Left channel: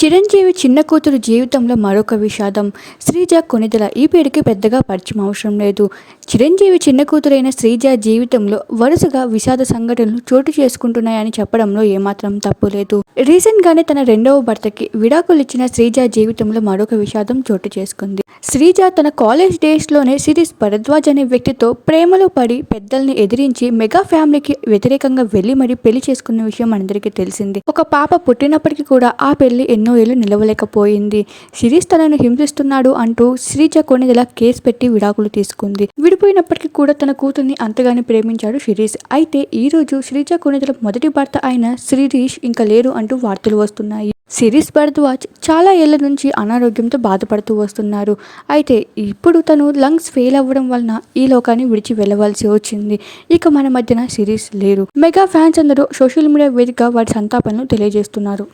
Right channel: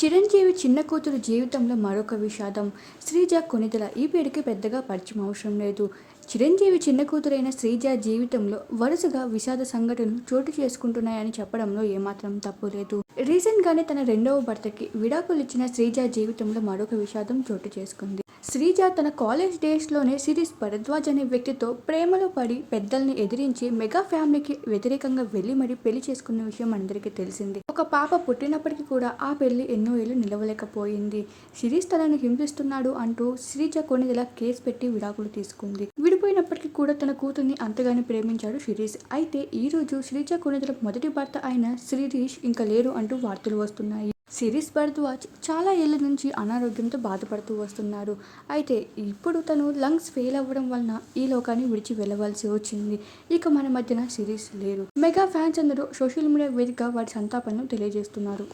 చిరంజీవి చిన్న కూతురు జీవితంలో మరొక విషాదం. శ్రీజ కొనిదల ఈ పేరుకి పెద్దగా పరిచయం అవసరం లేదు. చిరంజీవి చిన్న కూతురైన శ్రీజ జీవితంలో వరుసగా విషాద సంఘటనలు చోటు చేసుకుంటున్నాయని చెప్పడంలో ఏమాత్రం తప్పు లేదు. రీసెంట్ గానే తన రెండవ భర్తకి విడాకులు ఇచ్చిన శ్రీజ జీవితంలో మరొక విషాదం చోటు చేసుకుంది. శ్రీజ తన కాలేజ్ డేస్లోనే సిరీస్ భరద్వాజ్ అనే వ్యక్తితో ప్రేమలో పడి పెద్దల్ని ఎదిరించి మెగా ఫ్యామిలీకి వ్యతిరేకంగా వెళ్ళి మరి పెళ్ళి చేసుకున్న విషయం అందరికీ తెలిసింది. ఒక పాప పుట్టినప్పటికీ కూడా ఆ పెళ్ళి ఎన్నో ఏళ్ళు నిలవలేకపోయింది. సిరీస్ తనను హింసిస్తున్నాడు అంటూ శ్రీజ కొనిదెల కేసు పెట్టి విడాకులు తీసుకుంది. విడిపోయినప్పటికీ కూడా తన కూతుర్ని అంతగానే ప్రేమించాడు శిరీష్. అయితే ఈ రోజు శ్రీజ కొనిదెల మొదటి భర్త అయిన శ్రీరీష్ ఇంకా లేరు అంటూ వార్తలు వస్తున్నాయి. సిరీస్ భరద్వాజ్ చాలా ఏళ్ళ నుంచి అనారోగ్యంతో బాధపడుతూ వస్తున్నారు. అయితే ఇప్పుడు తను లంగ్స్ ఫెయిల్ అవ్వడం వలన ఈ లోకాన్ని విడిచి వెళ్ళవలసి వచ్చింది. ఇక మన మధ్యన సిరీస్ లేరు. మెగా ఫ్యాన్స్ అందరూ సోషల్ మీడియా వేదికగా వారి సంతాపనను తెలియజేస్తున్నారు.